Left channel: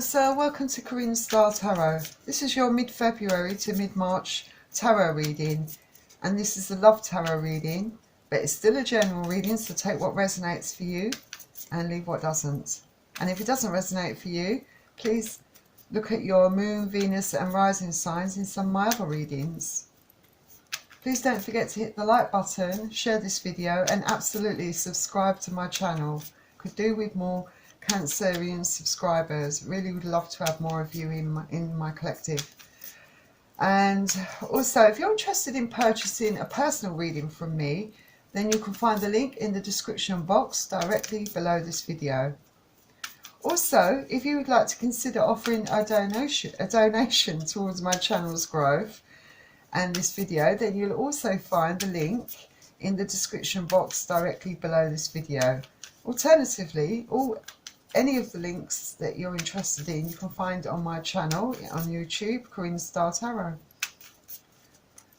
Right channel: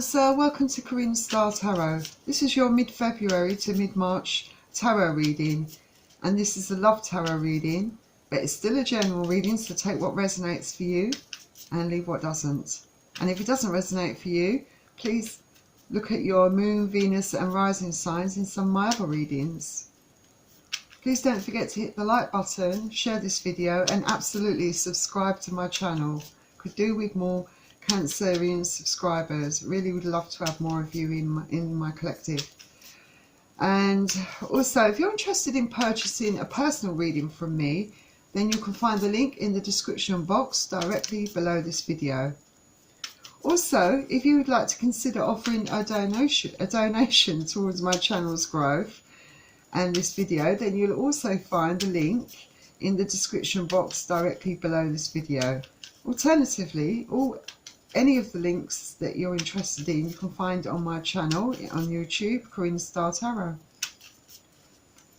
Cancer, welcome to Karina's Tarot. This is your mid-February to mid-March tarot reading, and this is the love tarot reading, but it's still a general reading, so take what resonates for you and leave what doesn't. And if it doesn't resonate for you, please look at your moon, Venus and rising signs in some of my other readings. Please don't forget to hit the like button, share this video, and absolutely subscribe to my channel. Could do with more Cancerian subscribers. Really would love to have more of you in my collective. And also, if you're interested in purchasing a personal reading from me, then you can find the link in the description box directly below this video. Also, if you would like to consider offering a donation towards my channel's growth and this video, then you'll also find the link in the description box directly below this video. Alternatively, any of the links that you're interested in you can find on my channel on YouTube, Karina's Tarot.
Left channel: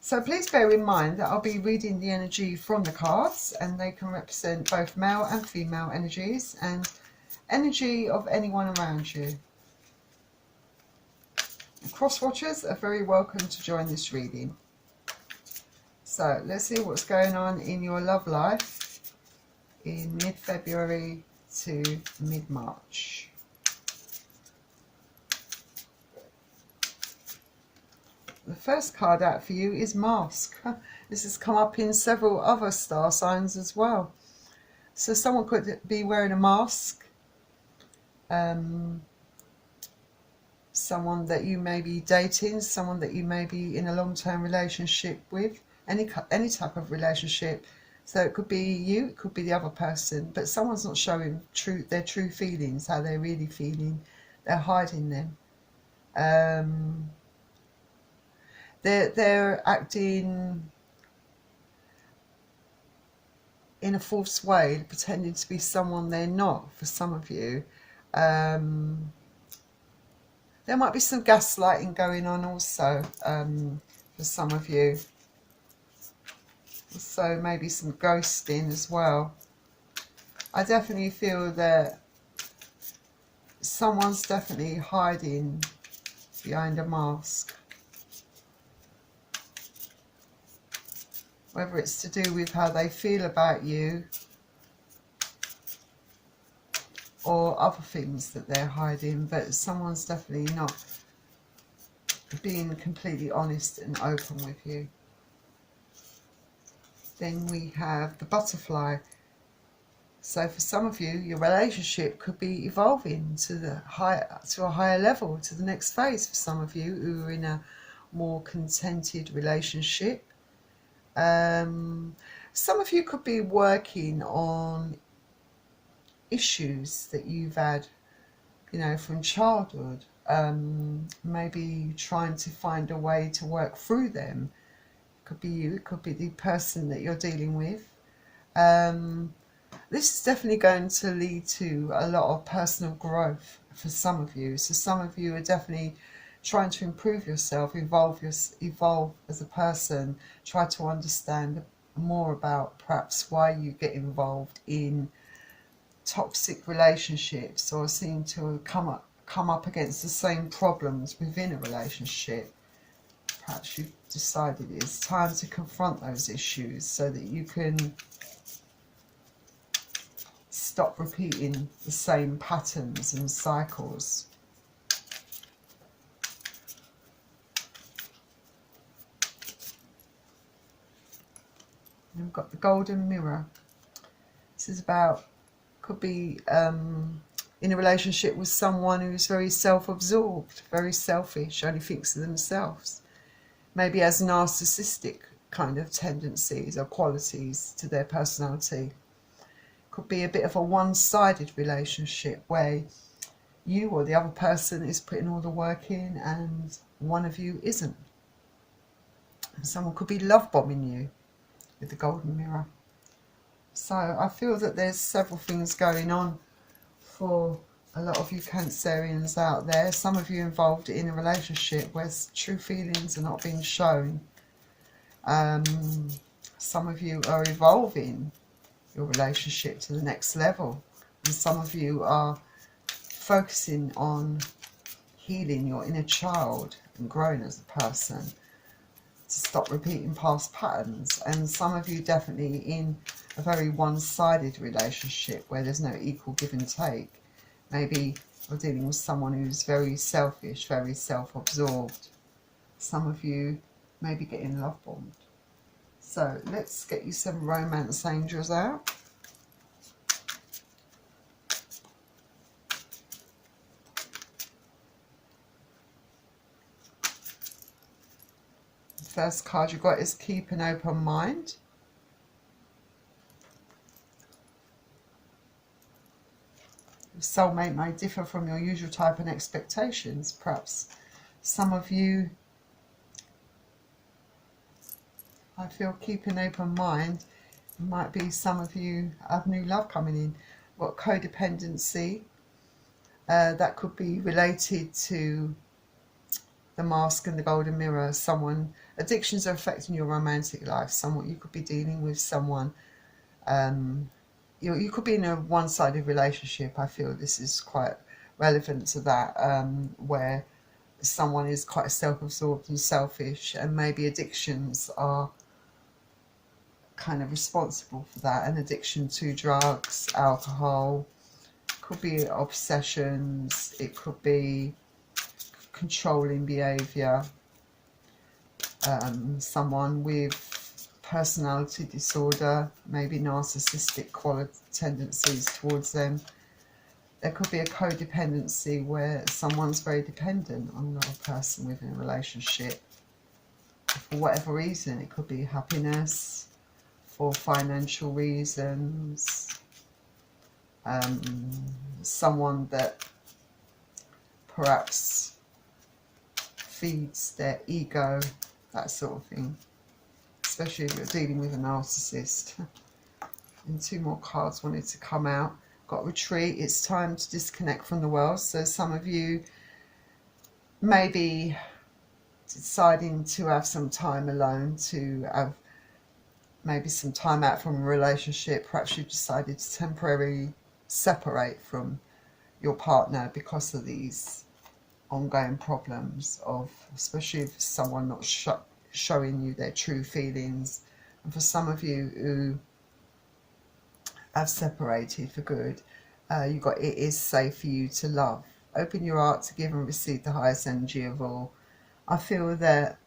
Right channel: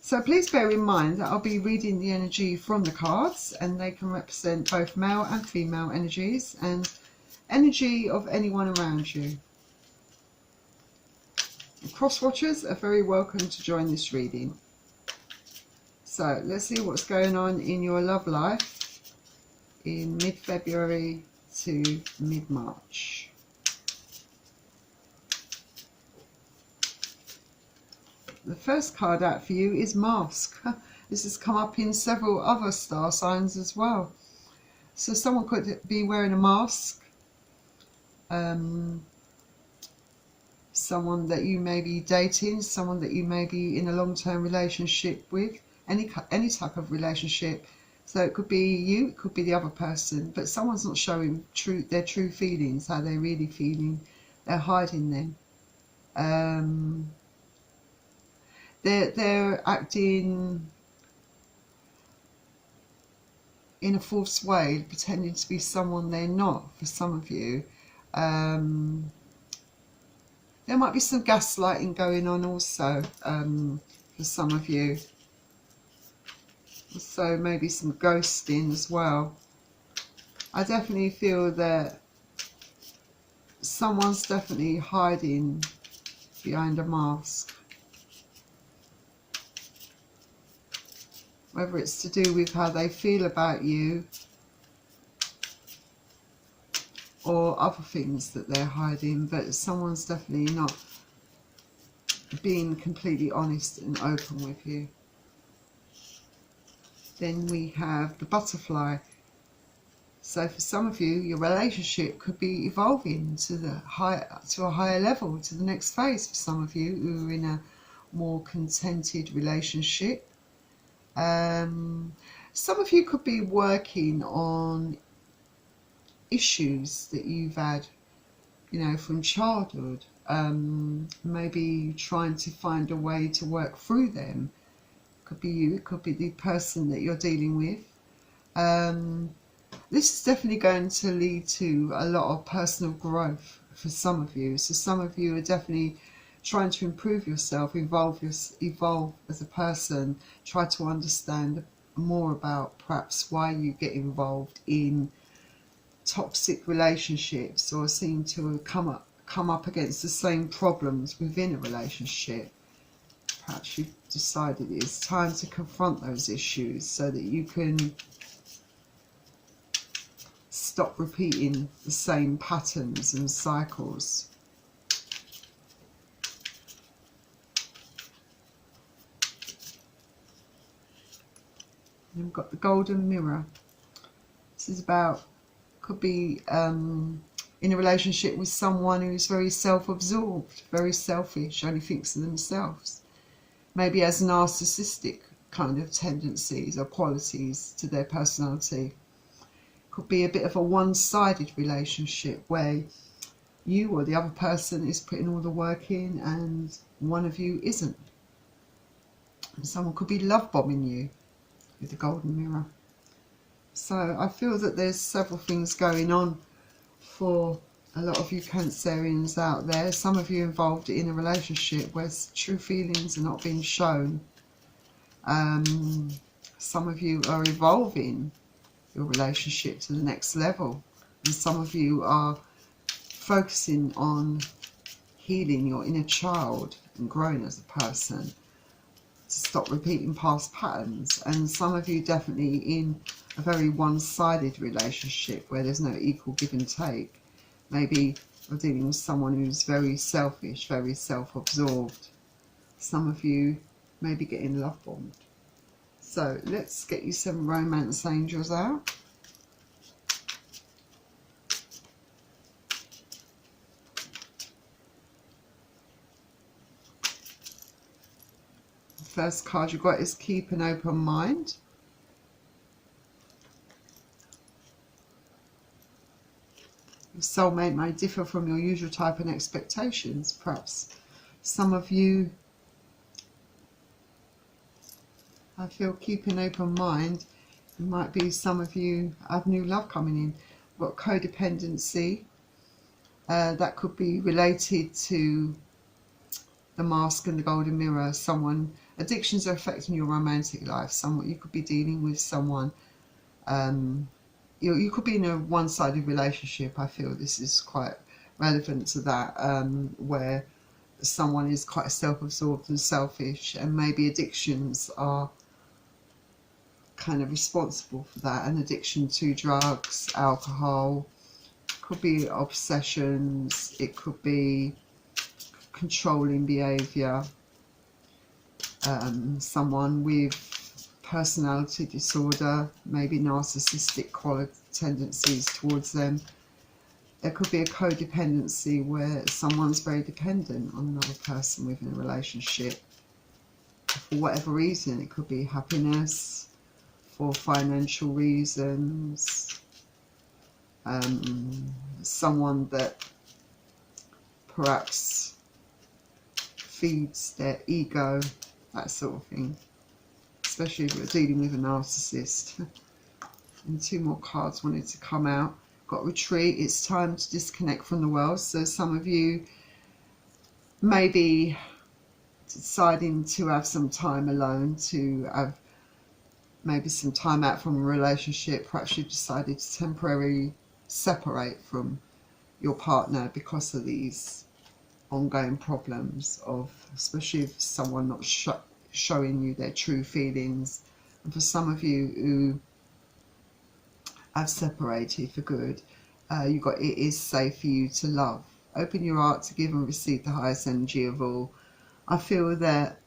So please bear in mind that I'll be reading the energy from the cards, and they can represent both male and female energies and energy of anyone around you. Cross watchers are very welcome to join this reading. So let's see what's going on in your love life in mid-February to mid-March. The first card out for you is Mask. This has come up in several other star signs as well. So someone could be wearing a mask. Someone that you may be dating, someone that you may be in a long-term relationship with, any type of relationship. So it could be you, it could be the other person, but someone's not showing their true feelings, how they're really feeling. They're hiding them. They're acting in a false way, pretending to be someone they're not for some of you. There might be some gaslighting going on also for some of you. So maybe some ghosting as well. I definitely feel that someone's definitely hiding behind a mask. Whether it's to do with how they feel about you or other things that they're hiding, but someone's definitely not being completely honest and open with you. Then we have the butterfly. So for some of you, your relationship could be evolving to a higher level, to the next phase. For some of you who are in a more contented relationship, some of you could be working on issues that you've had, you know, from childhood. Maybe trying to find a way to work through them. Could be you, it could be the person that you're dealing with. This is definitely going to lead to a lot of personal growth for some of you. So some of you are definitely trying to improve yourself, evolve as a person, try to understand more about perhaps why you get involved in toxic relationships, or seem to come up against the same problems within a relationship. Perhaps you've decided it's time to confront those issues so that you can stop repeating the same patterns and cycles. And we've got the golden mirror. This is about, could be in a relationship with someone who's very self-absorbed, very selfish, only thinks of themselves. Maybe has narcissistic kind of tendencies or qualities to their personality. Could be a bit of a one-sided relationship where you or the other person is putting all the work in and one of you isn't. And someone could be love bombing you with the golden mirror. So I feel that there's several things going on for a lot of you Cancerians out there. Some of you involved in a relationship where true feelings are not being shown. Some of you are evolving your relationship to the next level, and some of you are focusing on healing your inner child and growing as a person, to stop repeating past patterns. And some of you definitely in a very one-sided relationship where there's no equal give and take. Maybe you're dealing with someone who's very selfish, very self-absorbed. Some of you may be getting love bombed. So let's get you some romance angels out. The first card you've got is keep an open mind. Your soulmate may differ from your usual type and expectations. Perhaps some of you, I feel, keep an open mind. It might be some of you have new love coming in. What codependency? That could be related to the mask and the golden mirror. Someone, addictions are affecting your romantic life. Someone, you could be dealing with someone. You could be in a one-sided relationship. I feel this is quite relevant to that, where someone is quite self-absorbed and selfish, and maybe addictions are kind of responsible for that. An addiction to drugs, alcohol, could be obsessions, it could be controlling behaviour, someone with personality disorder, maybe narcissistic tendencies towards them. There could be a codependency where someone's very dependent on another person within a relationship. For whatever reason, it could be happiness, for financial reasons, someone that perhaps feeds their ego, that sort of thing. Especially if you're dealing with a narcissist. And two more cards wanted to come out. Got retreat. It's time to disconnect from the world. So some of you may be deciding to have some time alone, to have maybe some time out from a relationship. Perhaps you've decided to temporarily separate from your partner because of these ongoing problems of, especially if someone not showing you their true feelings. And for some of you who have separated for good, you got it is safe for you to love. Open your heart to give and receive the highest energy of all. I feel that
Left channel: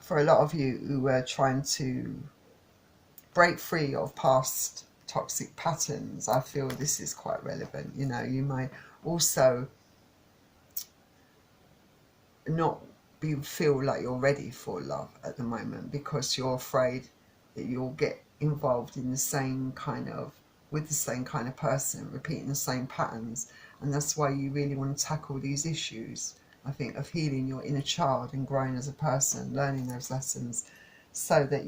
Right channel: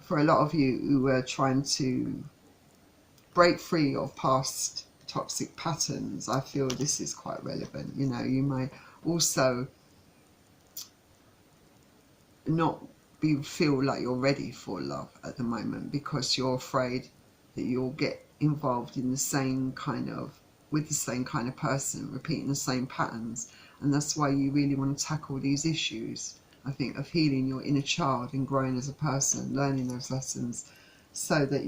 for a lot of you who are trying to break free of past toxic patterns, I feel this is quite relevant. You know, you may also not feel like you're ready for love at the moment because you're afraid that you'll get involved in the same kind of, with the same kind of person, repeating the same patterns. And that's why you really want to tackle these issues, I think, of healing your inner child and growing as a person, learning those lessons, so that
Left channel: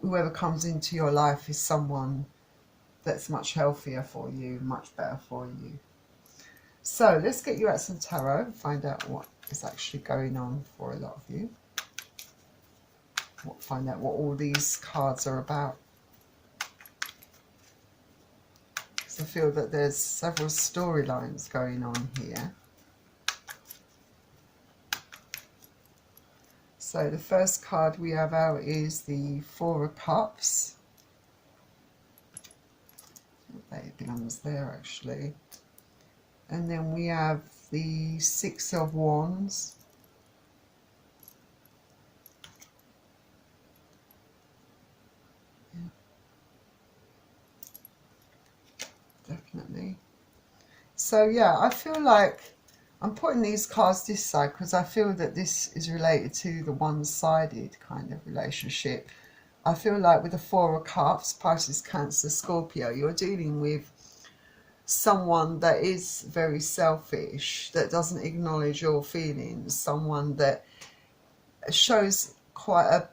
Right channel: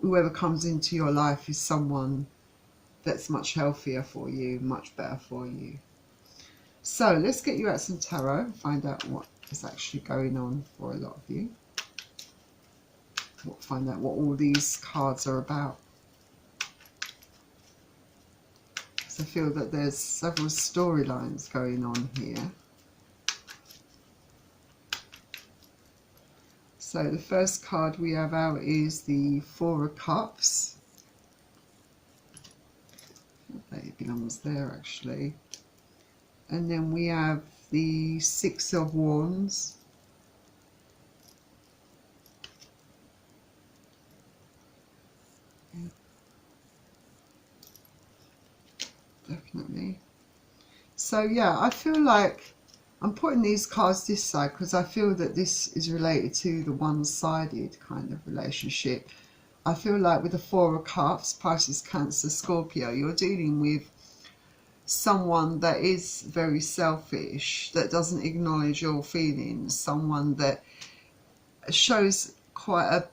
whoever comes into your life is someone that's much healthier for you, much better for you. So let's get you out some tarot and find out what is actually going on for a lot of you. Find out what all these cards are about. Because I feel that there's several storylines going on here. So the first card we have out is the Four of Cups. It belongs there actually. And then we have the Six of Wands. Yeah. Definitely. So yeah, I feel like I'm putting these cards this side because I feel that this is related to the one-sided kind of relationship. I feel like with the Four of Cups, Pisces, Cancer, Scorpio, you're dealing with someone that is very selfish, that doesn't acknowledge your feelings, someone that shows quite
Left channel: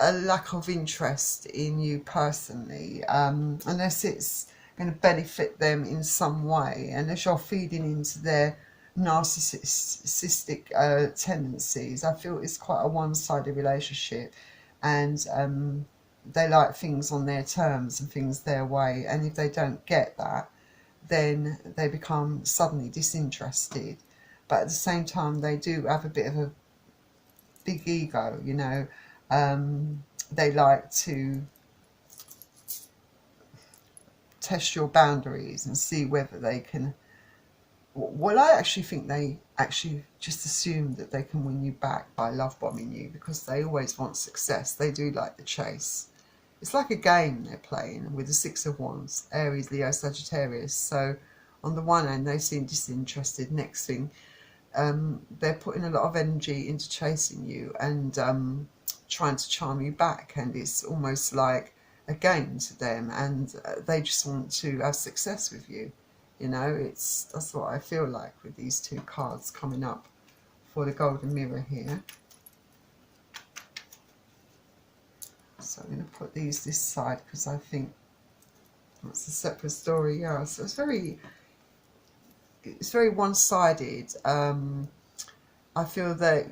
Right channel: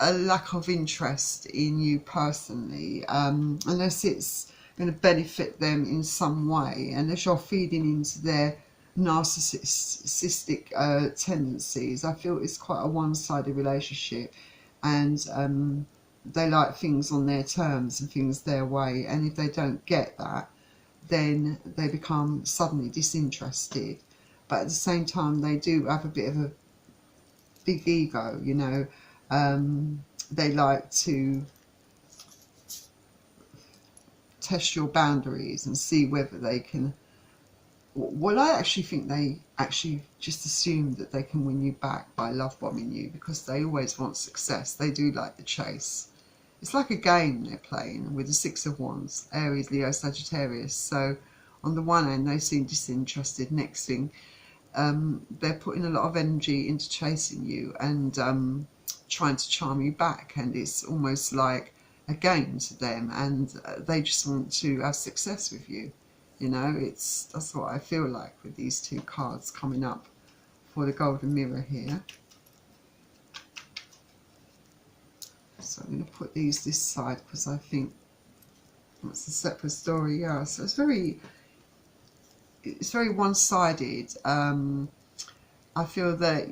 a lack of interest in you personally, unless it's going to benefit them in some way, unless you're feeding into their narcissistic tendencies. I feel it's quite a one-sided relationship, and they like things on their terms and things their way, and if they don't get that, then they become suddenly disinterested. But at the same time, they do have a bit of a big ego, you know. They like to test your boundaries and see whether they can. Well, I actually think they actually just assume that they can win you back by love bombing you, because they always want success. They do like the chase. It's like a game they're playing with the Six of Wands, Aries, Leo, Sagittarius. So on the one hand, they seem disinterested. Next thing, they're putting a lot of energy into chasing you and trying to charm you back. And it's almost like a game to them. And they just want to have success with you. You know, that's what I feel like with these two cards coming up for the Golden Mirror here. So I'm going to put these this side because I think that's a separate story. Yeah, so it's very one-sided. I feel that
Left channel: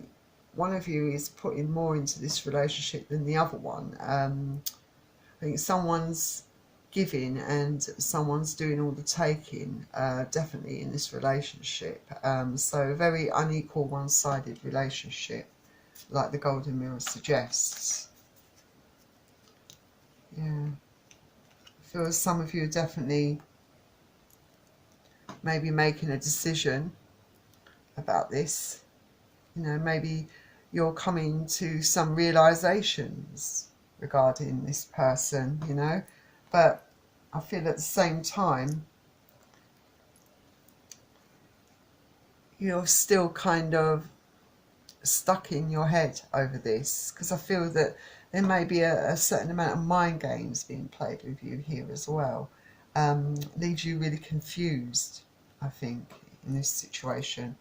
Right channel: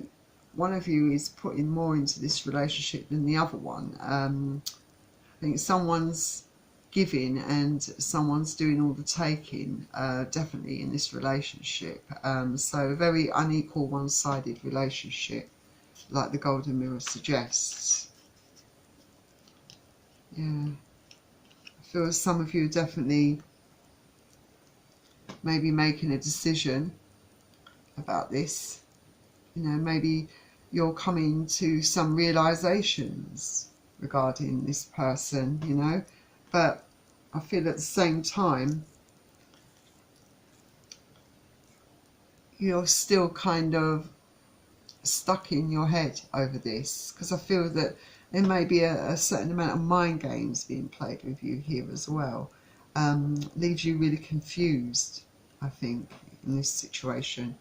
one of you is putting more into this relationship than the other one. I think someone's giving and someone's doing all the taking, definitely in this relationship. So a very unequal, one-sided relationship, like the Golden Mirror suggests. Yeah, I feel as some of you are definitely maybe making a decision about this. You know, maybe you're coming to some realizations regarding this person, you know, but I feel at the same time you're still kind of stuck in your head over this, because I feel that there may be a certain amount of mind games being played with you here as well. Leaves you really confused, I think, in this situation.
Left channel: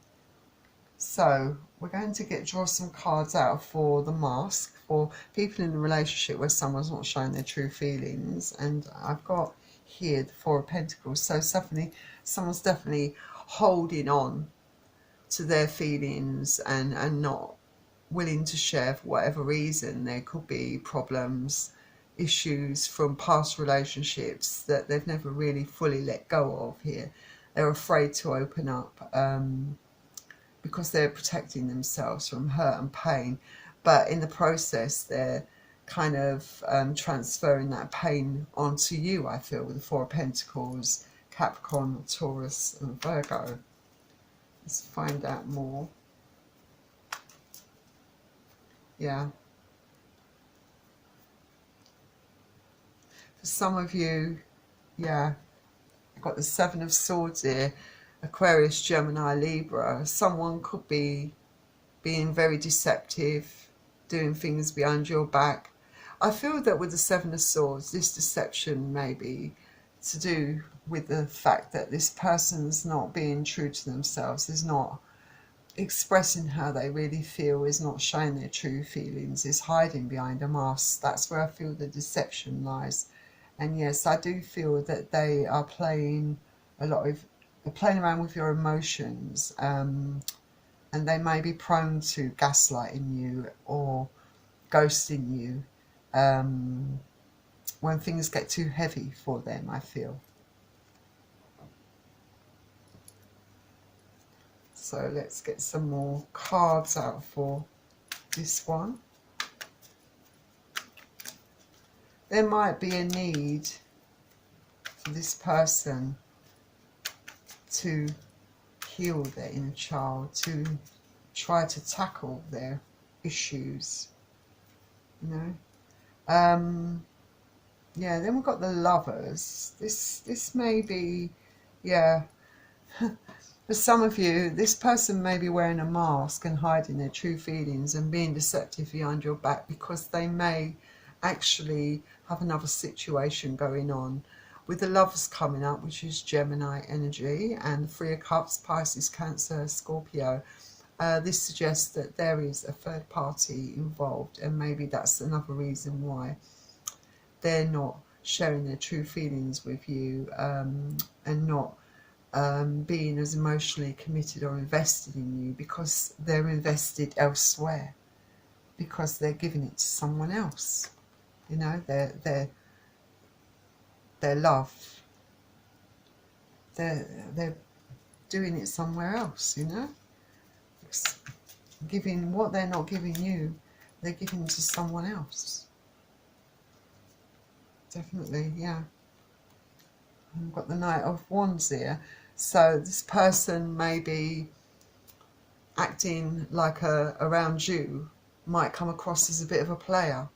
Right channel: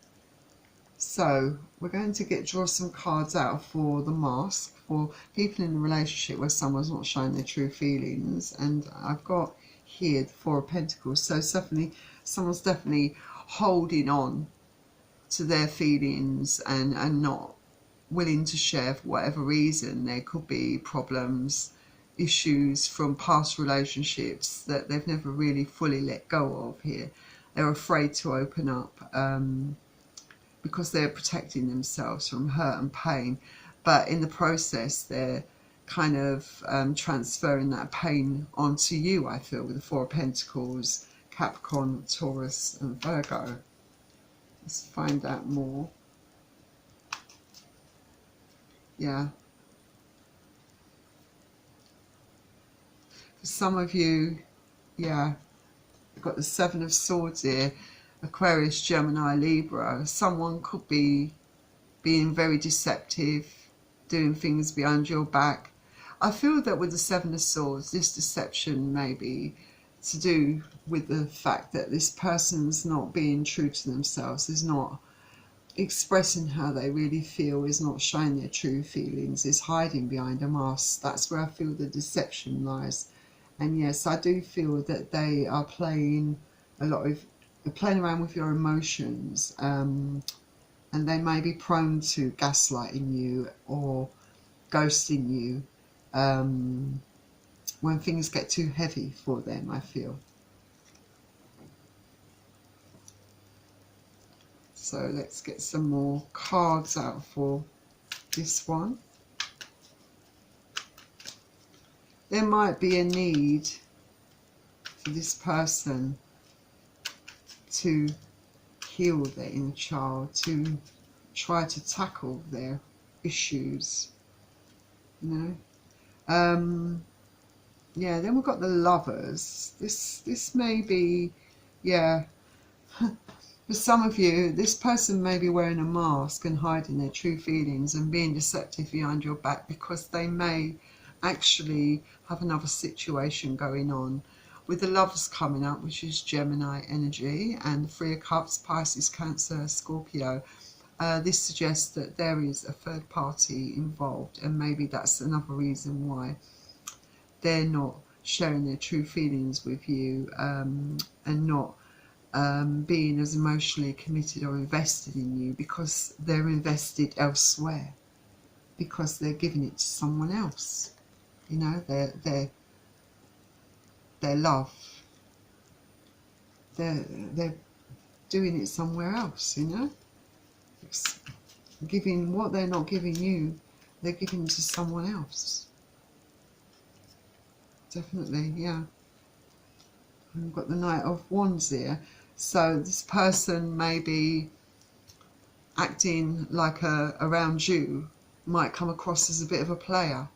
So we're going to draw some cards out for the mask, for people in a relationship where someone's not showing their true feelings. And I've got here the Four of Pentacles. So someone's definitely holding on to their feelings and not willing to share for whatever reason. There could be problems, issues from past relationships that they've never really fully let go of here. They're afraid to open up because they're protecting themselves from hurt and pain, but in the process they're kind of transferring that pain onto you, I feel, with the Four of Pentacles, Capricorn, Taurus and Virgo. Let's find out more. Yeah. For some of you, yeah, you've got the Seven of Swords here, Aquarius, Gemini, Libra. Someone could be being very deceptive, doing things behind your back. I feel that with the Seven of Swords, this deception may be to do with the fact that this person's not being true to themselves, is not expressing how they really feel, is not showing their true feelings, is hiding behind a mask. That's where I feel the deception lies. And yes, I do feel that they are playing around with your emotions, and they may be prone to gaslighting you or ghosting you when things get too heavy for them, I feel. So let's get some more cards out for this one. There might be a need for this person to heal their inner child, to try to tackle their issues, you know. Yeah, then we've got the Lovers. This may be, yeah, for some of you, this person may be wearing a mask and hiding their true feelings and being deceptive behind your back, because they may actually have another situation going on. With the Lovers coming up, which is Gemini energy, and Three of Cups, Pisces, Cancer, Scorpio, this suggests that there is a third party involved, and maybe that's another reason why they're not sharing their true feelings with you, and not being as emotionally committed or invested in you, because they're invested elsewhere, because they're giving it to someone else. You know, their love. they're doing it somewhere else, you know. It's giving what they're not giving you, they're giving to someone else. Definitely, yeah. I've got the Knight of Wands here. So this person may be acting like around you, might come across as a bit of a player,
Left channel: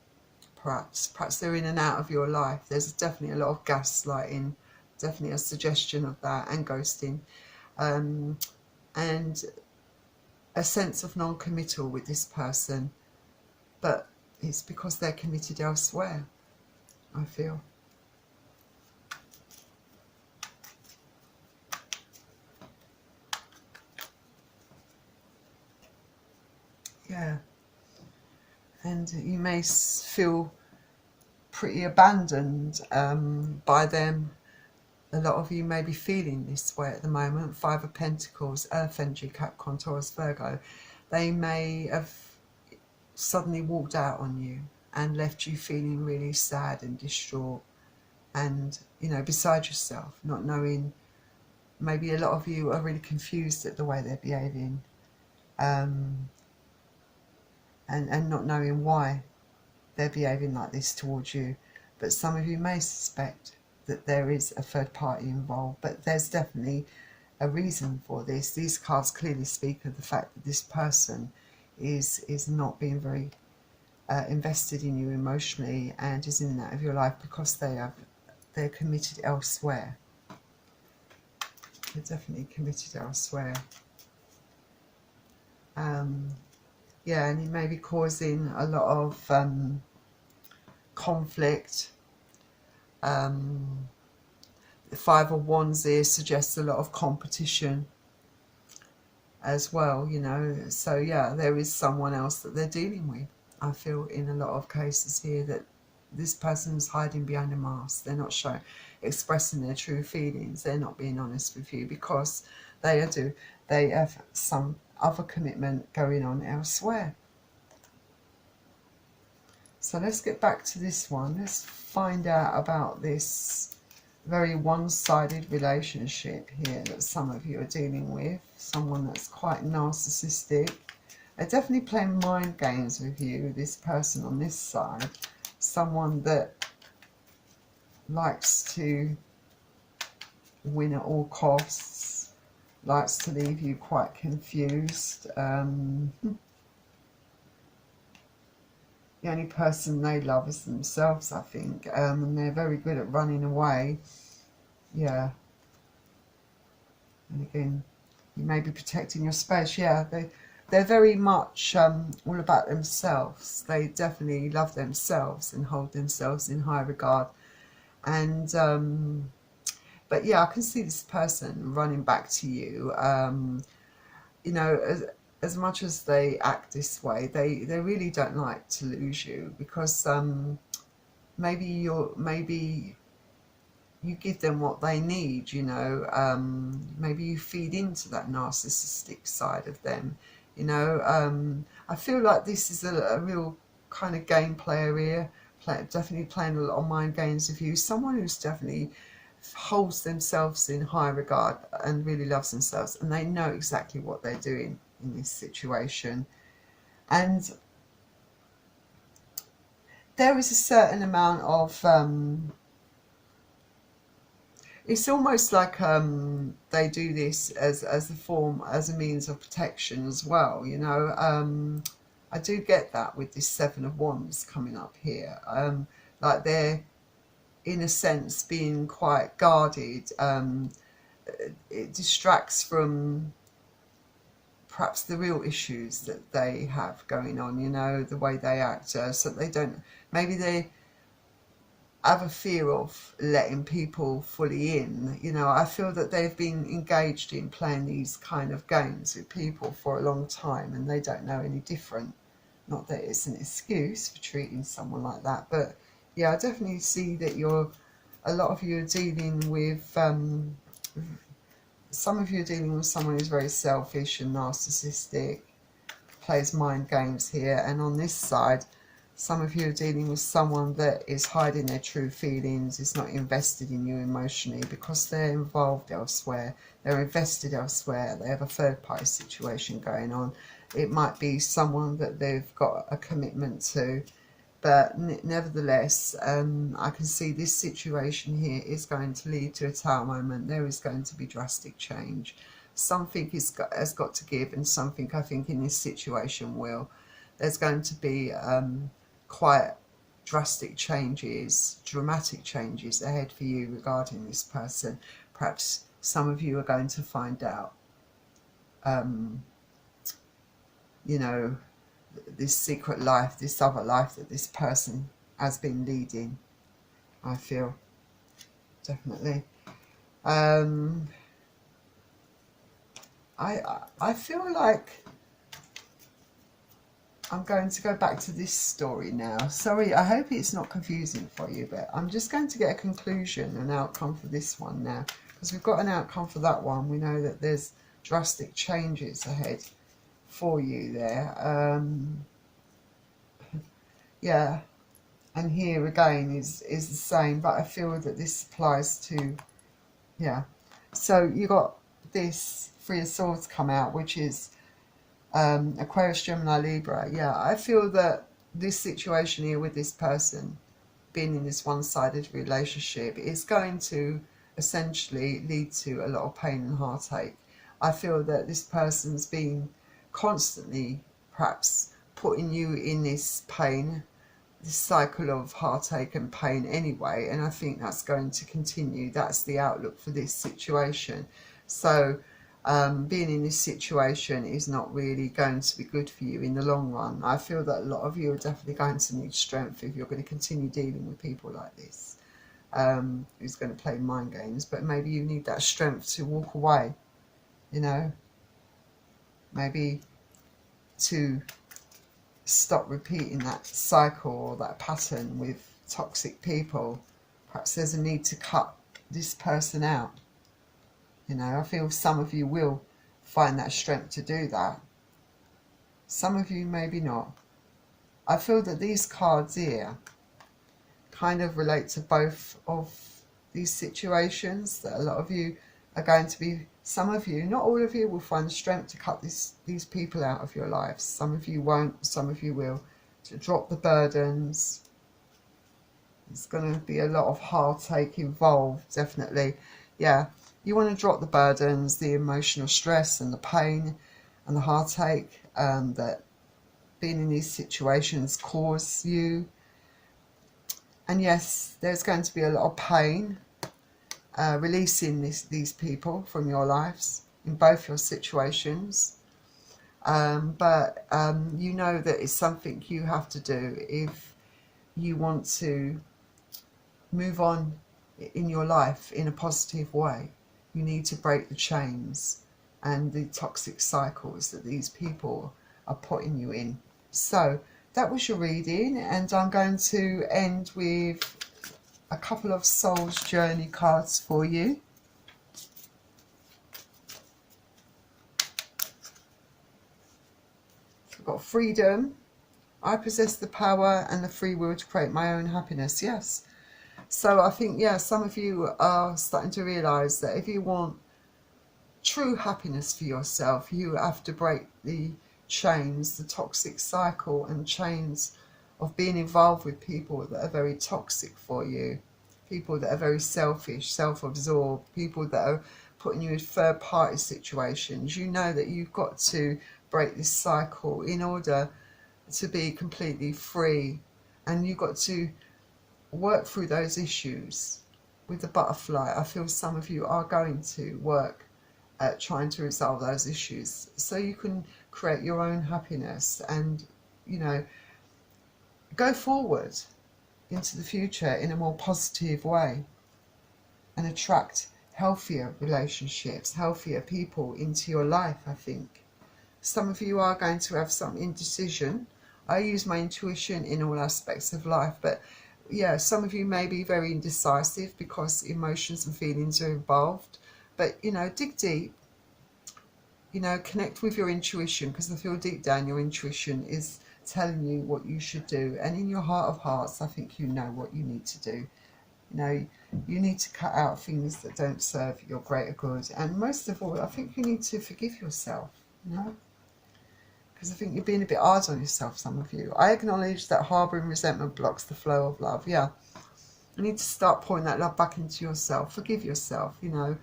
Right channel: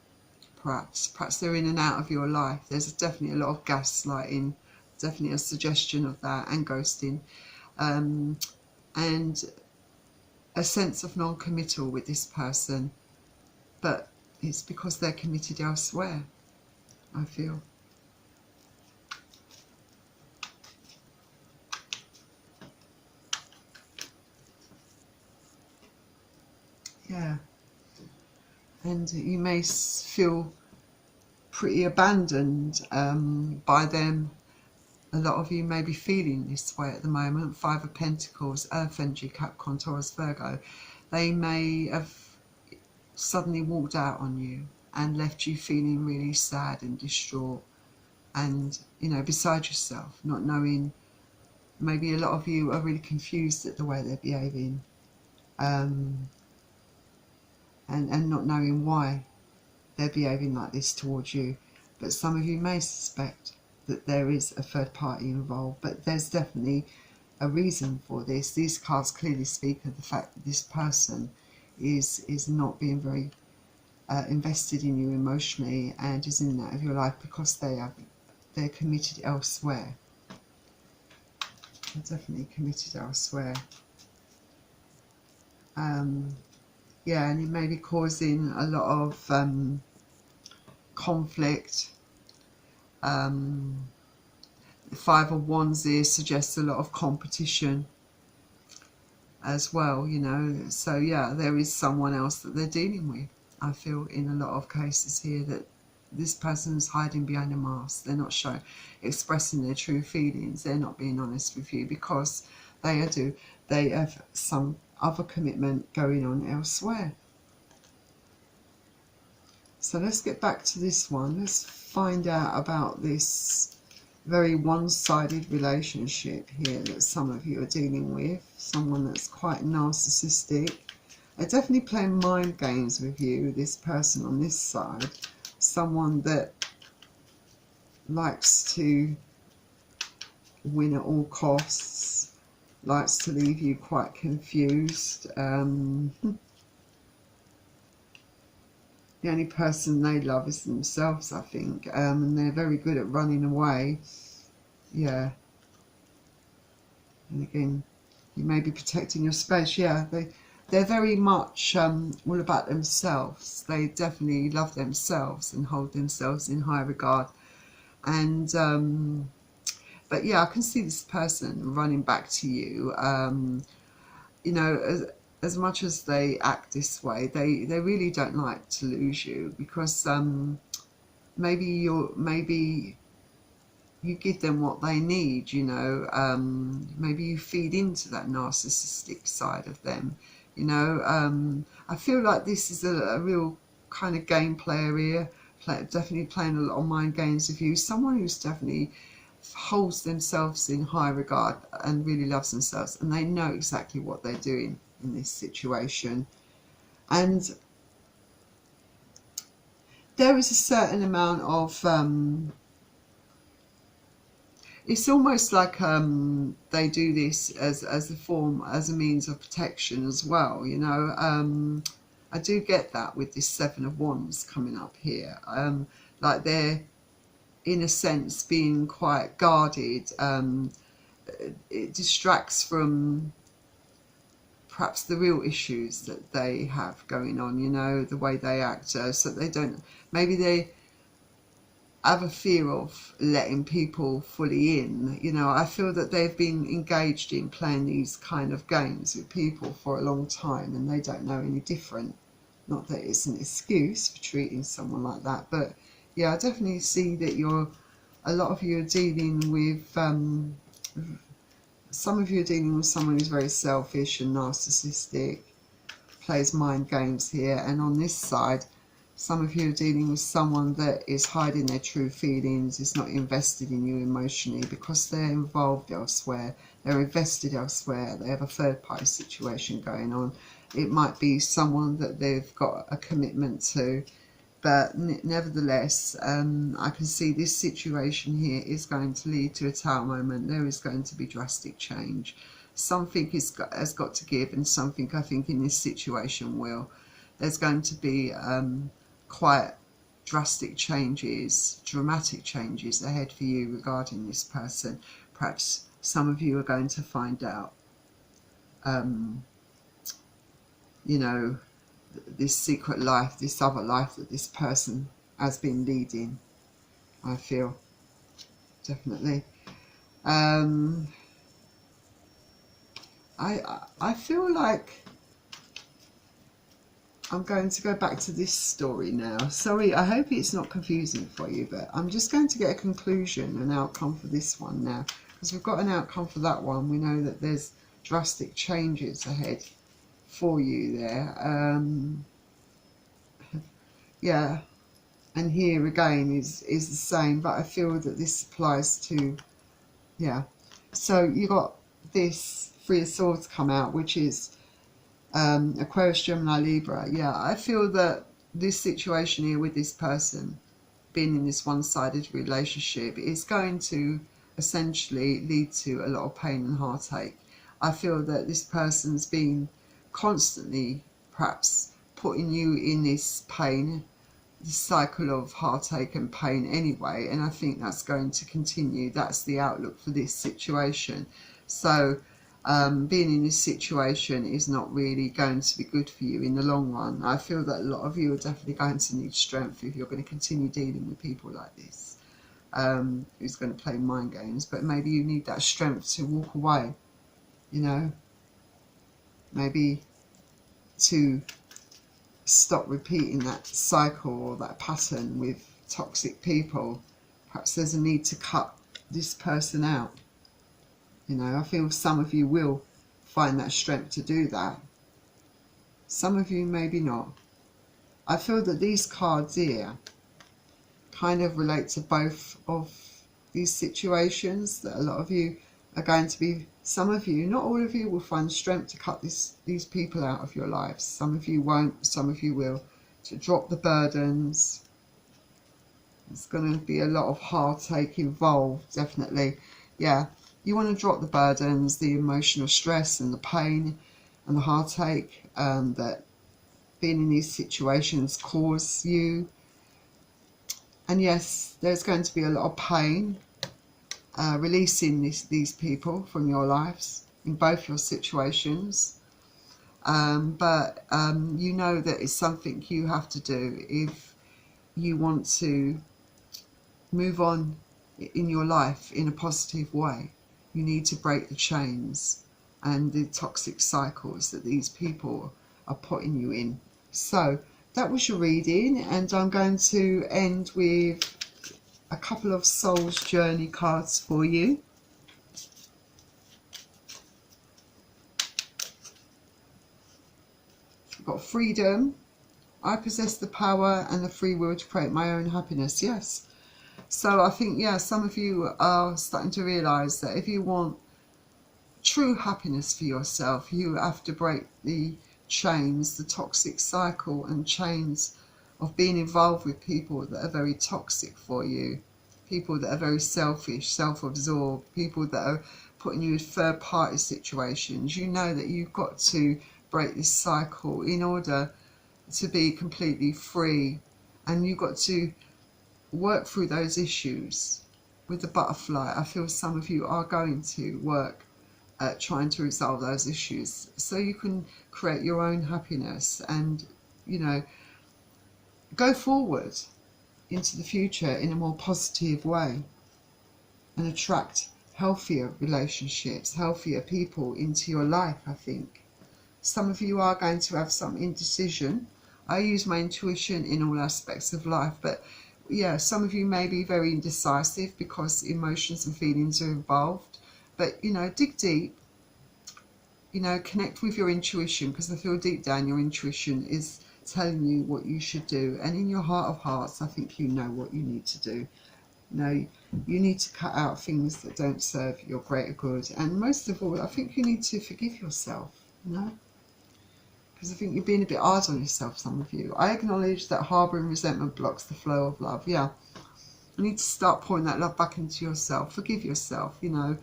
perhaps they're in and out of your life. There's definitely a lot of gaslighting, definitely a suggestion of that, and ghosting, and a sense of non-committal with this person, but it's because they're committed elsewhere, I feel. Yeah. And you may feel pretty abandoned by them. A lot of you may be feeling this way at the moment. Five of Pentacles, Earth Energy, Capricorn, Taurus, Virgo. They may have suddenly walked out on you and left you feeling really sad and distraught and, you know, beside yourself, not knowing. Maybe a lot of you are really confused at the way they're behaving, and not knowing why they're behaving like this towards you. But some of you may suspect that there is a third party involved, but there's definitely a reason for this. These cards clearly speak of the fact that this person is not being very invested in you emotionally and is in and out of your life because they're committed elsewhere. They're definitely committed elsewhere. Yeah, and it may be causing a lot of conflict. The Five of Wands here suggests a lot of competition as well, you know. So yeah, there is someone else that they're dealing with. I feel in a lot of cases here that this person's hiding behind a mask. They're not expressing their true feelings. They're not being honest with you because they have some other commitment going on elsewhere. So let's get back to this one. Let's find out about this very one-sided relationship here that some of you are dealing with. Someone that's quite narcissistic. They're definitely playing mind games with you, this person on this side. Someone that likes to win at all costs, likes to leave you quite confused. The only person they love is themselves, I think, and they're very good at running away. Yeah. And again, you may be protecting your space. Yeah, they're very much all about themselves. They definitely love themselves and hold themselves in high regard. And but yeah, I can see this person running back to you. You know, as much as they act this way, they really don't like to lose you because maybe you give them what they need, you know. Maybe you feed into that narcissistic side of them, you know. I feel like this is a real kind of game player here, definitely playing a lot of mind games with you. Someone who's definitely holds themselves in high regard and really loves themselves, and they know exactly what they're doing in this situation. And there is a certain amount of it's almost like they do this as a means of protection as well, you know. I do get that with this Seven of Wands coming up here, like they're in a sense being quite guarded. It distracts from perhaps the real issues that they have going on, you know, the way they act, so they don't, maybe they have a fear of letting people fully in, you know. I feel that they've been engaged in playing these kind of games with people for a long time and they don't know any different. Not that it's an excuse for treating someone like that, but yeah, I definitely see that a lot of you are dealing with some of you are dealing with someone who's very selfish and narcissistic, plays mind games here, and on this side, Some of you are dealing with someone that is hiding their true feelings, is not invested in you emotionally because they're involved elsewhere, they're invested elsewhere, they have a third party situation going on. It might be someone that they've got a commitment to, but nevertheless, I can see this situation here is going to lead to a Tower moment. There is going to be drastic change. Something has got to give, and something I think in this situation will. There's going to be quite drastic changes, dramatic changes ahead for you regarding this person. Perhaps some of you are going to find out, you know, this secret life, this other life that this person has been leading, I feel, definitely. I feel like I'm going to go back to this story now. Sorry, I hope it's not confusing for you, but I'm just going to get a conclusion, an outcome for this one now. Because we've got an outcome for that one. We know that there's drastic changes ahead for you there. Yeah, and here again is the same, but I feel that this applies to, yeah. So you got this Three of Swords come out, which is Aquarius, Gemini, Libra. Yeah, I feel that this situation here with this person being in this one-sided relationship is going to essentially lead to a lot of pain and heartache. I feel that this person's been constantly perhaps putting you in this pain, this cycle of heartache and pain anyway, and I think that's going to continue. That's the outlook for this situation. So being in this situation is not really going to be good for you in the long run. I feel that a lot of you are definitely going to need strength if you're going to continue dealing with people like this, who's going to play mind games. But maybe you need that strength to walk away, you know, maybe to stop repeating that cycle or that pattern with toxic people. Perhaps there's a need to cut this person out. You know, I feel some of you will find that strength to do that. Some of you maybe not. I feel that these cards here kind of relate to both of these situations, that a lot of you are going to be, some of you, not all of you, will find strength to cut these people out of your lives. Some of you won't, some of you will. To drop the burdens. There's going to be a lot of heartache involved, definitely. Yeah. You want to drop the burdens, the emotional stress and the pain and the heartache that being in these situations cause you. And yes, there's going to be a lot of pain releasing these people from your lives in both your situations. But you know that it's something you have to do if you want to move on in your life in a positive way. You need to break the chains and the toxic cycles that these people are putting you in. So that was your reading, and I'm going to end with a couple of Soul's Journey cards for you. I've got freedom. I possess the power and the free will to create my own happiness. Yes. So I think, yeah, some of you are starting to realise that if you want true happiness for yourself, you have to break the chains, the toxic cycle and chains of being involved with people that are very toxic for you, people that are very selfish, self-absorbed, people that are putting you in third-party situations. You know that you've got to break this cycle in order to be completely free, and you've got to work through those issues with the butterfly. I feel some of you are going to work at trying to resolve those issues so you can create your own happiness and, you know, go forward into the future in a more positive way and attract healthier relationships, healthier people into your life. I think some of you are going to have some indecision. I use my intuition in all aspects of life, but yeah, some of you may be very indecisive because emotions and feelings are involved. But, you know, dig deep, you know, connect with your intuition, because I feel deep down your intuition is telling you what you should do. And in your heart of hearts, I think you know what you need to do. You know, you need to cut out things that don't serve your greater good. And most of all, I think you need to forgive yourself, you know. Because I think you're being a bit hard on yourself, some of you. I acknowledge that harbouring resentment blocks the flow of love. Yeah. You need to start pouring that love back into yourself. Forgive yourself, you know.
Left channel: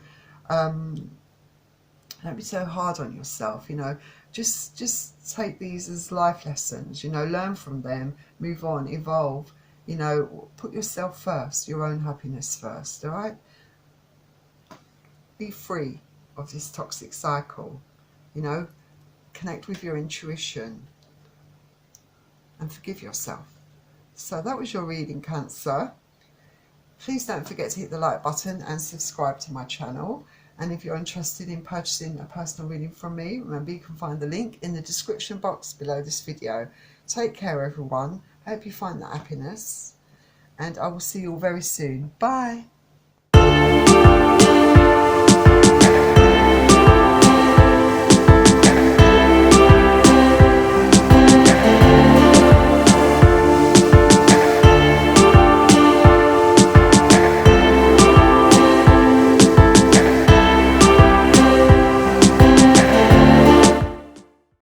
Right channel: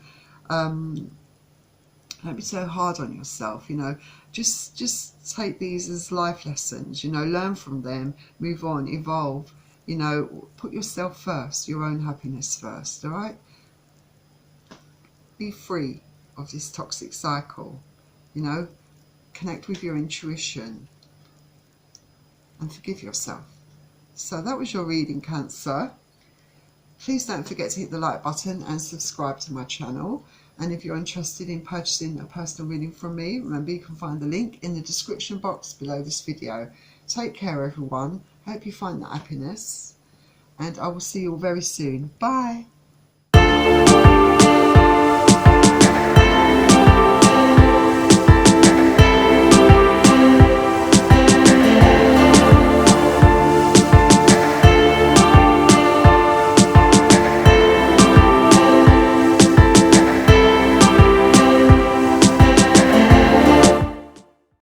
Don't be so hard on yourself, you know. Just take these as life lessons, you know. Learn from them, move on, evolve, you know. Put yourself first, your own happiness first, all right? Be free of this toxic cycle, you know. Connect with your intuition and forgive yourself. So that was your reading, Cancer. Please don't forget to hit the like button and subscribe to my channel. And if you're interested in purchasing a personal reading from me, remember you can find the link in the description box below this video. Take care, everyone. Hope you find that happiness. And I will see you all very soon. Bye.